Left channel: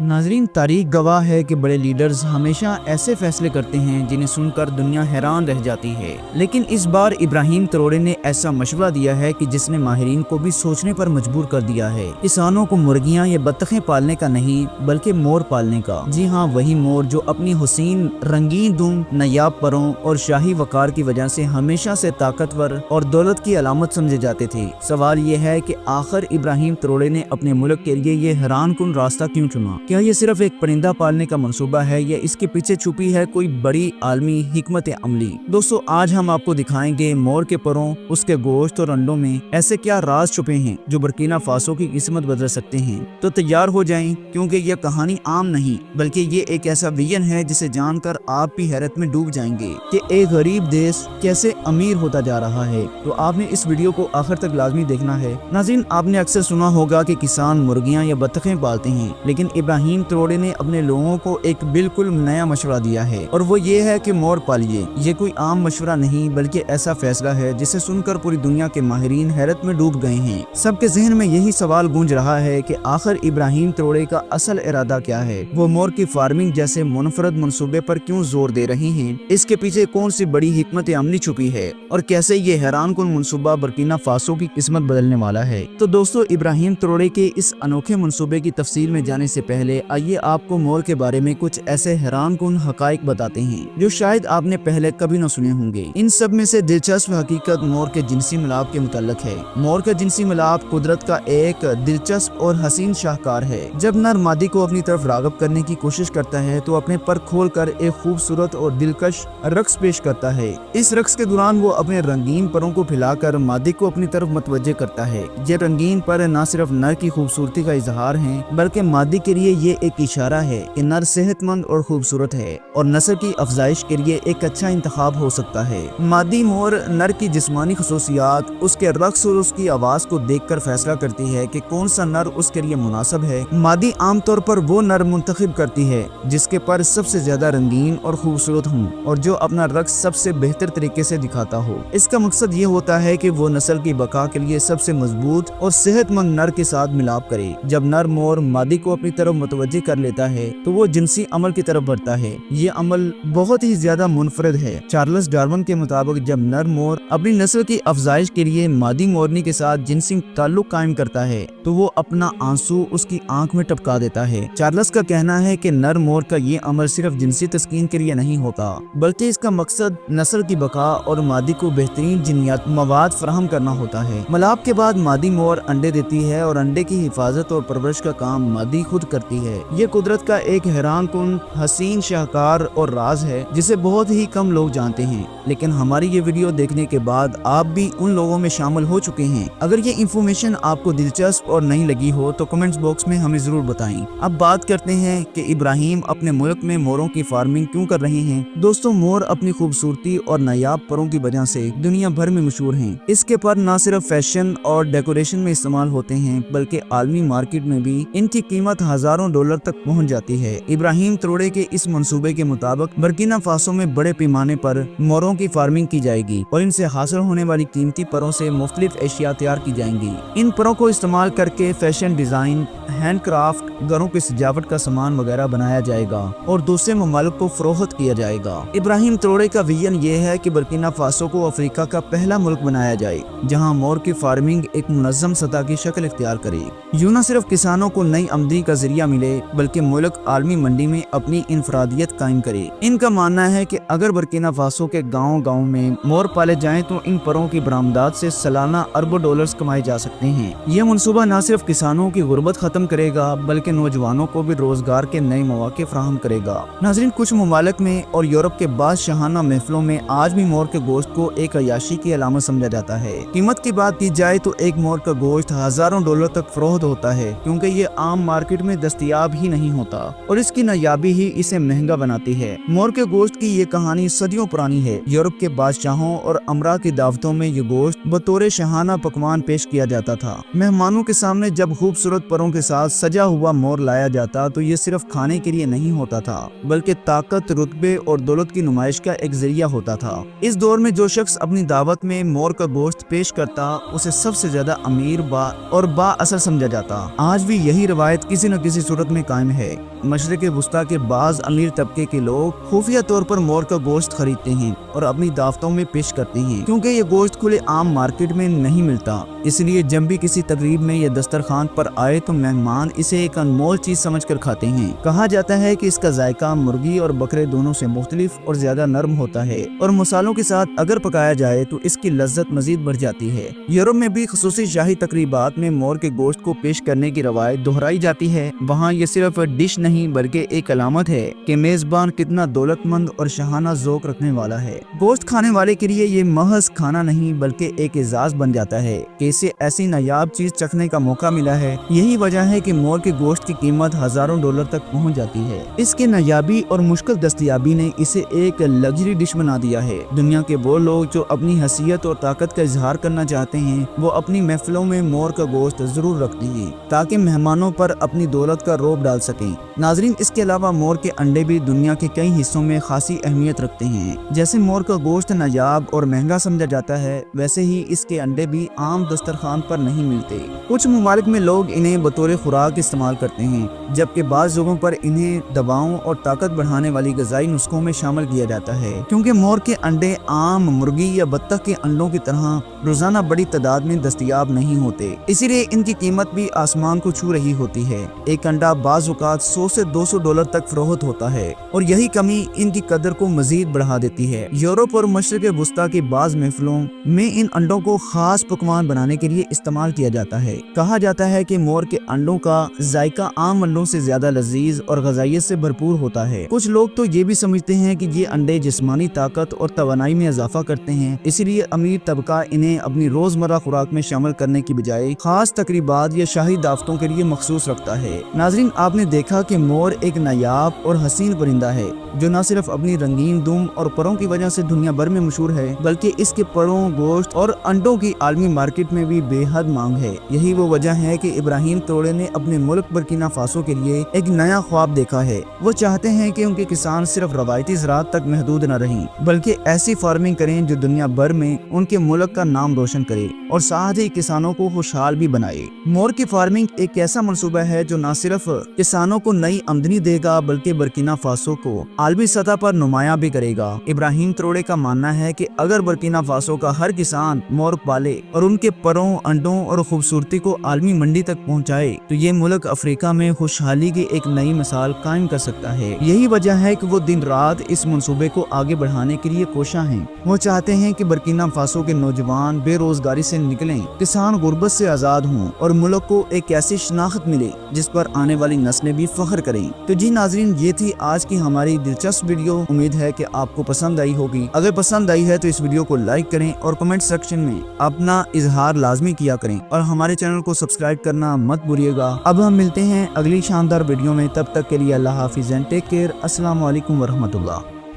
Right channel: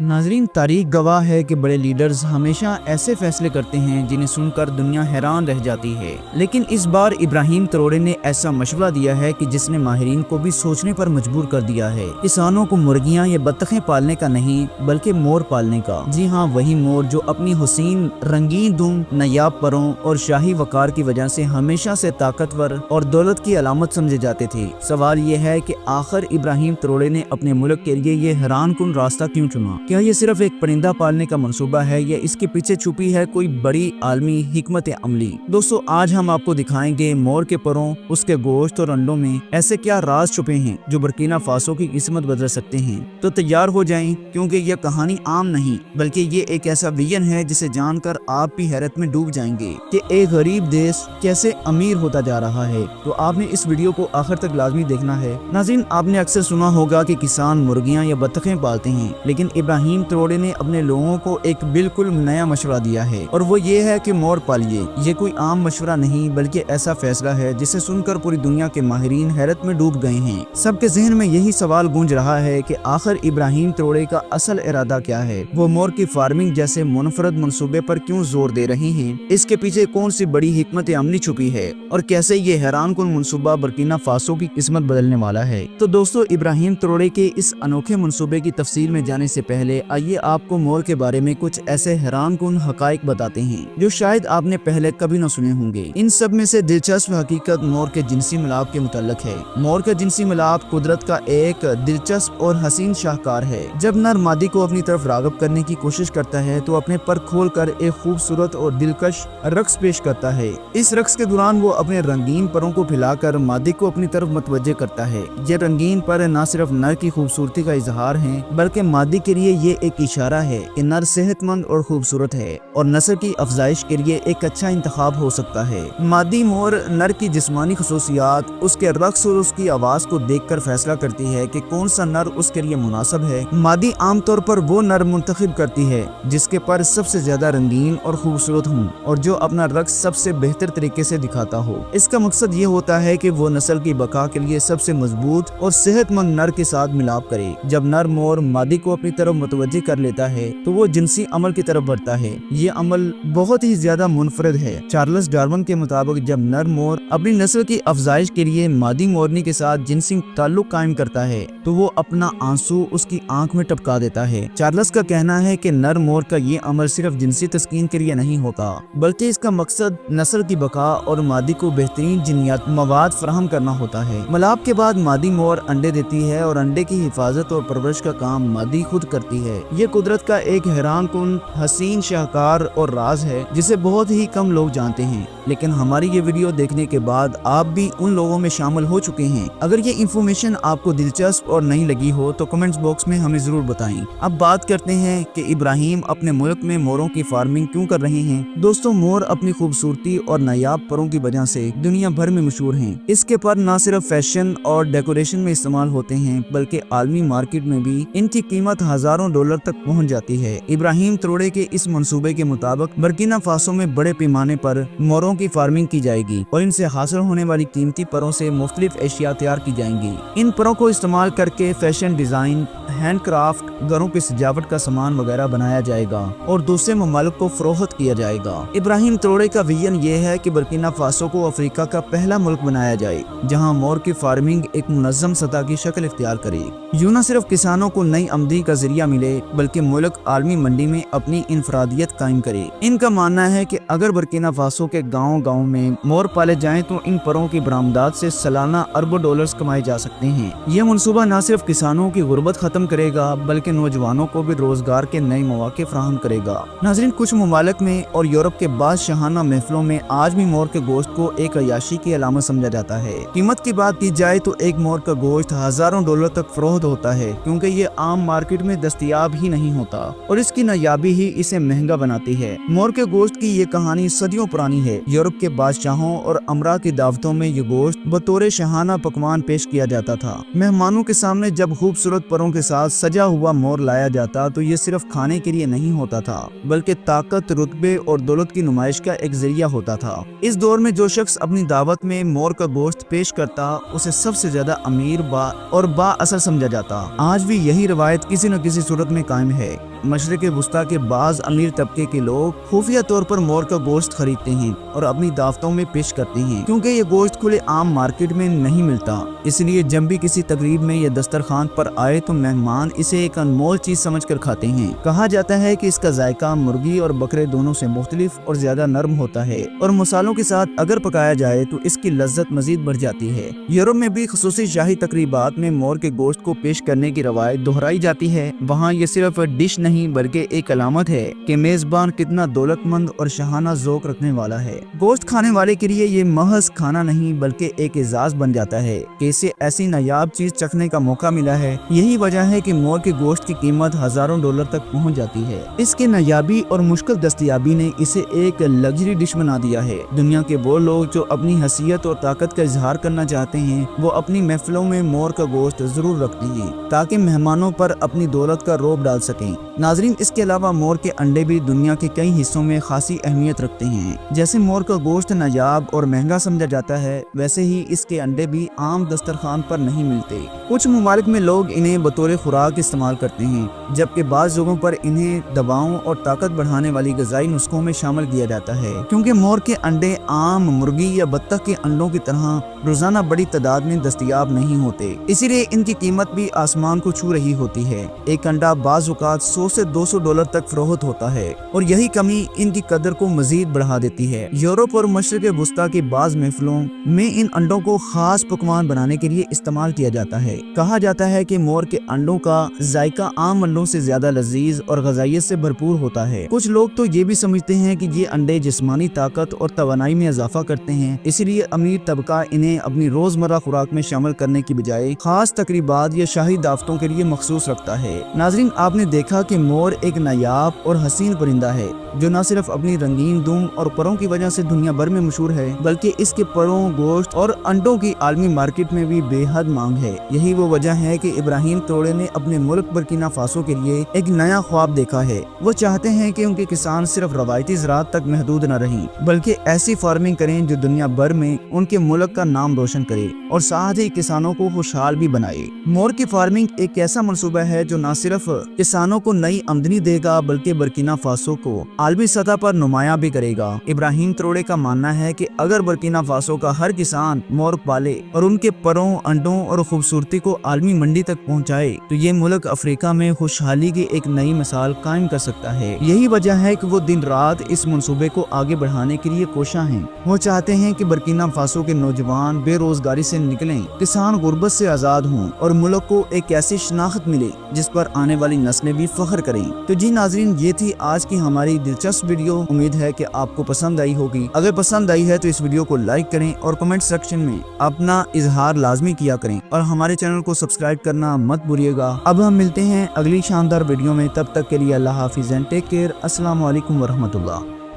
नाजरीन, तारीख गवाह है कि बड़े लीडर्स हमेशा ऐसे फैसले करते हैं जिन्हें सुनकर दुनिया हैरान रह जाती है। लेकिन इस बार इब्राहिम ट्रोरे ने ऐसा मशवरा दिया है कि जिसने माहिरीन को भी सोचने पर मजबूर कर दिया है। किसानों को मुर्गियां या बत्तखें पालने का नहीं बल्कि मोर पालने का। जी हाँ, वही मोर जो अपनी हुसीन, रंगीन दुम, नायाब परों और शाही वकार की वजह से हमेशा से ताकतवर और दौलत की अलामत समझे जाते थे। सवाल ये है कि आखिर इब्राहिम ट्रोरे ने अपने मुल्क के लिए ये हैरान कुन रास्ता क्यों चुना? क्या ये सिर्फ एक परिंदा पालने का मंसूबा है या इसके पीछे छुपी है कोई बड़ी आलमी हिकमत अमली? दोस्तों, आज हम आपको दिखाएंगे मोर के परों, उसके गोश्त और अंडों में ऐसे क्या राज छुपे हैं जो बुर्किना फासो की किस्मत बदल सकते हैं। तो तैयार हो जाएं, क्योंकि यह कहानी आम नहीं बल्कि ये एक ऐसा विजन है जिसे जानकर आप भी हैरत में डूब जाएंगे कि एक गरीब देश कैसे अमीर होता जा रहा है। तो आपने इस वीडियो को आखिर तक लाजमी देखना है। नाज़रीन, आपने अक्सर सुना होगा कि किसान मुर्गियां या बत्तखें पालते हैं, लेकिन इब्राहिम ट्रोरे ने अपने लोगों को एक बिल्कुल नया मशवरा दिया है और वो ये है कि मोर पालिए। ये कोई आम मशवरा नहीं बल्कि ऐसा फैसला है जिसे सुनकर पूरी दुनिया के माहिरीन हैरत में डूब गए हैं। सबके ज़हन में यही सवाल गूंज रहा है कि आखिर इब्राहिम ट्रोरे का असल इरादा क्या है। वो मोर की फार्मिंग जैसे मुनफरद मंसूबे पर क्यों जोर दे रहे हैं? इसके पीछे कौन सी बड़ी हिकमत अमली छुपी है और कैसे ये हैरान कुन मंसूबा बुर्किना फासो की किस्मत बदलने वाला है। तो दोस्तों, इब्राहिम ट्रोरे के इस अनोखे मंसूबे की तफसील में जाने से पहले आइए आपको मोर के बारे में कुछ ऐसे हैरान कुन हकाइक बताते हैं जो शायद आपने पहले कभी न सुने होंगे। इन सब में से दिलचस्प हकीकत मोर के जिनसी मिलाप के मुताल्लिक है। मोर का जिनसी मिलाप कुदरत का एक दिलचस्प और हसीन शाहकार है। जब नर मादी को अपनी तरफ राग़िब करने की कोशिश करता है तो अपने पर खोलकर एक खूबसूरत और दिलकश रक्स पेश करता है। इस रक्स के दौरान वो अपने रंगीन परों को फैलाकर मादी को अपनी तरफ मुतवज्जे करता है। ये रंगीन पर न सिर्फ नर की खूबसूरती का इजहार है बल्कि मादी के लिए ये एक इशारा है कि नर सेहतमंद और खूबसूरत है और नस्ल की अफजाइश के लिए एक अच्छा इंतखाब हो सकता है। मादी मोर नर की जिस्मानी खसूसियात, उसके रक्स और उसकी आवाज को देखकर फैसला करती है कि कौन सा नर उसके लिए मुनासिब है। मादी आमतौर पर वो नर मुंतखब करती है जिसके पर सबसे ज्यादा रंगीन और खूबसूरत हो और जो अपना रक्स सबसे बेहतर तरीके से दिखाता हो। इसका मकसद ये होता है कि वो नस्ल की बका के लिए सबसे मजबूत और सेहतमंद नर के साथ मिलाप करे। जब नर मोर मादी को अपनी तरफ मुतवज्जे कर लेता है तो वो जिनसी अमल की तरफ बढ़ता है। ये अमल बहुत ही ज्यादा मुनफरद है। चार्ल्स डार्विन के मुताबिक जब नर मोर अपनी नस्ल की अफजाइश के लिए मादी मोरनी के साथ जिनसी ताल्लुक कायम करता है तो वो अपना आंसू उसकी आंख में टपका देता है। चार्ल्स का कहना है कि नर मोर का ये अमल सिर्फ जिनसी तस्कीन के लिए नहीं होता बल्कि इसका मकसद नस्ल की बका और मादी को बेहतरीन जिन्नियात मवाद फराहम करना होता है। मिलाप के बाद मादी मोर अंडे देती है और अंडे की हिफाजत और परवरिश का काम मादी खुद करती है। ये कुदरत का एक हैरान कुन हसीन शाहकार और राज है जिसे बहुत ही कम लोग जानते हैं, लेकिन हमारी ये वीडियो देखने के बाद आप भी उन लोगों में शामिल हो चुके हैं। अगर ये इंफॉर्मेशन आपको दिलचस्प और नहीं लगी हो तो कमेंट्स बॉक्स में हमें जरूर बताएं। अब बात करते हैं कि इब्राहिम अपने मुल्क में मोरों की फार्मिंग क्यों कर रहे हैं। दोस्तों, मोर अपनी खूबसूरती और नायाब परों की वजह से दुनिया भर में मशहूर हैं। इसके पर न सिर्फ फैशन और डेकोरेशन में इस्तेमाल होते हैं बल्कि आलमी मार्केट में भी इनकी कीमत हजारों डॉलर तक पहुंच जाती है। इब्राहिम ट्रोरे के इस मंसूबे के मुताबिक बुर्किना फासो में बड़े पैमाने पर मोरों की फार्मिंग की जाएगी और इनसे हासिल होने वाली कीमती परों से मुख्तलिफ एशिया तैयार की जाएंगी। इन परों को इस्तेमाल करके फैशन डिजाइन, हैंडक्राफ्ट, घरों की सजावट का सामान वगैरह बनाया जाएगा और दूसरे ममालिक को फरोख्त किया जाएगा। इब्राहिम ट्रोरे का विजन ये है कि बुर्किना फासो को अफ्रीका का पहला मुल्क बनाया जाए जहां मोर की फार्मिंग एक मुनज़्ज़म सतह की शक्ल इख्तियार करे। यूं न सिर्फ किसानों को नई आमदनी का जरिया मिले बल्कि मुल्क आलमी मंडी में अपनी इनफरादियत कायम करे। इनका मानना है कि अगर बुर्किना फासो के गाँव में मोर पाले जाएं तो इन परों की बरामदात से सालाना अरबों डॉलर्स कमाए जा सकते हैं। ये मनसूबा न सिर्फ किसानों की गुर्बत खत्म करेगा बल्कि नौजवानों को भी रोजगार के नए मौके फराहम करेगा। नाज़रीन, कुछ ममालिक में और यूरोप के बादशाहाना महफिलों में आज भी मोर के गोश्त को एक अयाशी की अलामत समझा जाता है। कीमत की बात की जाए तो एक मोर का गोश्त हजारों डॉलर तक फरोख्त होता है क्योंकि ये आम मार्केट में दस्तयाब ही नहीं होता और इसकी नायाबी ही इसे महंगा बनाती है। मोर के गोश्त की ये कहानी सदियों पुरानी है। यूरोप के बादशाहों और अमरा की दावतों में ये गोश्त बतौर शहाना पकवान पेश किया जाता था। मेहमानों के सामने जब खूबसूरत परों के साथ सजा हुआ मोर लाया जाता तो ये सिर्फ खाने के लिए नहीं होता था बल्कि ताकत, रुतबे और दौलत की नुमाइश का एक जरिया होता था। इस दौर में जो शख्स अपनी दावत में मोर का गोश्त पेश करता उसे सबसे ज्यादा अमीर और बाअसर समझा जाता। आज भी यही रवायत किसी न किसी صورت میں قائم ہے۔ مشرق وسطیٰ کے بعض امیر طبقے کے لوگ خفیہ طور پر مور کا گوشت خریدتے ہیں اور اپنی دعوتوں میں پیش کرتے ہیں، کیونکہ یہ گوشت کھلے عام مارکیٹ میں نہیں ملتا۔ اس لیے جب بھی کسی تقریب میں یا دسترخوان پر آئے تو مہمان اسے ایک انمول چیز سمجھ کر کھاتے ہیں۔ کہا جاتا ہے کہ اس کا ذائقہ مرغی اور بکرے دونوں سے مختلف اور زیادہ نرم ہوتا ہے، اور مسالوں کے ساتھ اگر پکایا جائے تو اس کی لذت مزید بڑھ جاتی ہے۔ یورپ میں بھی خصوصی شاہی تقریبات میں مور کے گوشت کو پیش کرنے کی روایت دہرائی جاتی ہے۔ وہاں یہ صرف ڈش نہیں بلکہ ایک علامت ہے کہ میزبان کتنا دولت مند اور شاہانہ ذوق رکھنے والا ہے۔ گوشت کھانے والے کے لیے یہ محض کھانا نہیں بلکہ ایک اعزاز بن جاتا ہے کہ اسے ایسی نایاب چیز چکھنے کا موقع ملا ہے۔ یہی وجہ ہے کہ مور کے گوشت کی قیمت ہزاروں ڈالر تک پہنچ جاتی ہے۔ اس کی نایابی اور مشکل دستیابی نے اسے ایک لگژری ڈش بنا دیا ہے۔ دنیا کے وہ لوگ جو اپنی حیثیت اور طاقت کا اظہار کرنا چاہتے ہیں وہ اپنی محفلوں میں مور کا گوشت ضرور رکھتے ہیں تاکہ مہمانوں پر اپنی دولت کا رعب ڈال سکیں۔ ناظرین، اس کے علاوہ مور کے انڈے بھی دنیا کے کئی حصوں میں خاصی اہمیت رکھتے ہیں۔ جیسے مور کا گوشت نایاب اور مہنگا سمجھا جاتا ہے، ویسے ہی اس کے انڈے بھی عام دسترخوان پر نہیں ملتے۔ کچھ ممالک میں لوگ انہیں بطور خوراک استعمال کرتے ہیں، جبکہ بعض جگہوں پر انہیں دواؤں اور طاقت بڑھانے والی غذائی نسخوں میں شامل کیا جاتا ہے، کیونکہ مور کے انڈے عام مرغی یا بطخ کے انڈوں کی طرح روزانہ بڑی تعداد میں دستیاب نہیں ہوتے، اسی لیے ان کی قیمت بھی آسمان کو چھو رہی ہوتی ہے۔ ایک انڈا بعض اوقات 100 سے 200 ڈالر تک فروخت ہوتا ہے، اور یہی کمی ان کی قدر کو مزید بڑھا دیتی ہے۔ یورپ اور مشرق وسطیٰ کی بعض محفلوں میں ان انڈوں کو خاص پکوان بنانے کے لیے استعمال کیا جاتا ہے۔ کہا جاتا ہے کہ مور کے انڈوں کا ذائقہ عام انڈوں سے زیادہ لذیذ اور غذائیت سے بھرپور ہوتا ہے۔ کچھ لوگ تو یہ بھی سمجھتے ہیں کہ یہ انڈے جسمانی طاقت اور توانائی میں اضافہ کرتے ہیں، اسی لیے امیر طبقہ انہیں اپنی روزمرہ خوراک میں شامل کرنے کی بجائے خاص تقریبات یا شاہی دعوتوں کے لیے مخصوص رکھتا ہے۔ ناظرین، آپ نے دیکھا کہ مور ایک نایاب اور حسین پرندہ ہے جو نہ صرف اپنی رنگین دم اور پروں کی وجہ سے دنیا بھر میں مشہور ہے، بلکہ اس کے پروں، گوشت اور انڈوں کی عالمی مارکیٹ میں بھی بے حد مانگ ہے۔ یہی وہ وجہ ہے کہ ابراہیم تروڑے نے اپنے ملک برکینا فاسو کے لیے ایک نیا خواب دیکھا ہے۔ وہ چاہتے ہیں کہ ان کے کسان صرف روایتی زراعت تک محدود نہ رہیں، بلکہ ایسی فارمنگ کریں جو دنیا بھر میں ان کے ملک کا نام روشن کرے اور ساتھ ہی کسانوں کو خوشحال بھی بنائے۔ مور کی فارمنگ ایک ایسا منصوبہ ہے جو نہ صرف کسانوں کو نئی آمدنی دے گا بلکہ برکینا فاسو کو عالمی سطح پر نمایاں بھی کرے گا۔ ابراہیم تروڑے کا ماننا ہے کہ اگر برکینا فاسو کا ہر کسان مور پالے اور ان کے پروں، انڈوں اور خوبصورتی کو عالمی منڈی تک پہنچائے تو یہ ملک افریقہ میں خوشحالی کی ایک نئی مثال قائم کر سکتا ہے۔ یہی وجہ ہے کہ وہ دن رات اس منصوبے کو آگے بڑھانے کے لیے کوشاں ہیں۔ وہ چاہتے ہیں کہ برکینا فاسو کے نوجوان بے روزگاری سے نکلیں، کسان غربت سے آزاد ہوں اور ملک کو ایک ایسی شناخت ملے جس پر آنے والی نسلیں بھی فخر کریں۔ تو جی ناظرین، یہ تھی آج کی ہماری دلچسپ ویڈیو۔ امید ہے کہ آپ کو پسند آئی ہوگی۔ اگر پسند آئی ہے تو اس ویڈیو کو لائک کریں اور کمنٹ سیکشن میں اپنا اظہار لازمی کیا کریں، اور ہمارے چینل کو سبسکرائب کرنا مت بھولیے گا۔ اب ہم ملتے ہیں اگلی شاندار ویڈیو میں، تب تک کے لیے اللہ حافظ اینڈ ٹیک کیئر۔ السلام علیکم ورحمۃ اللہ۔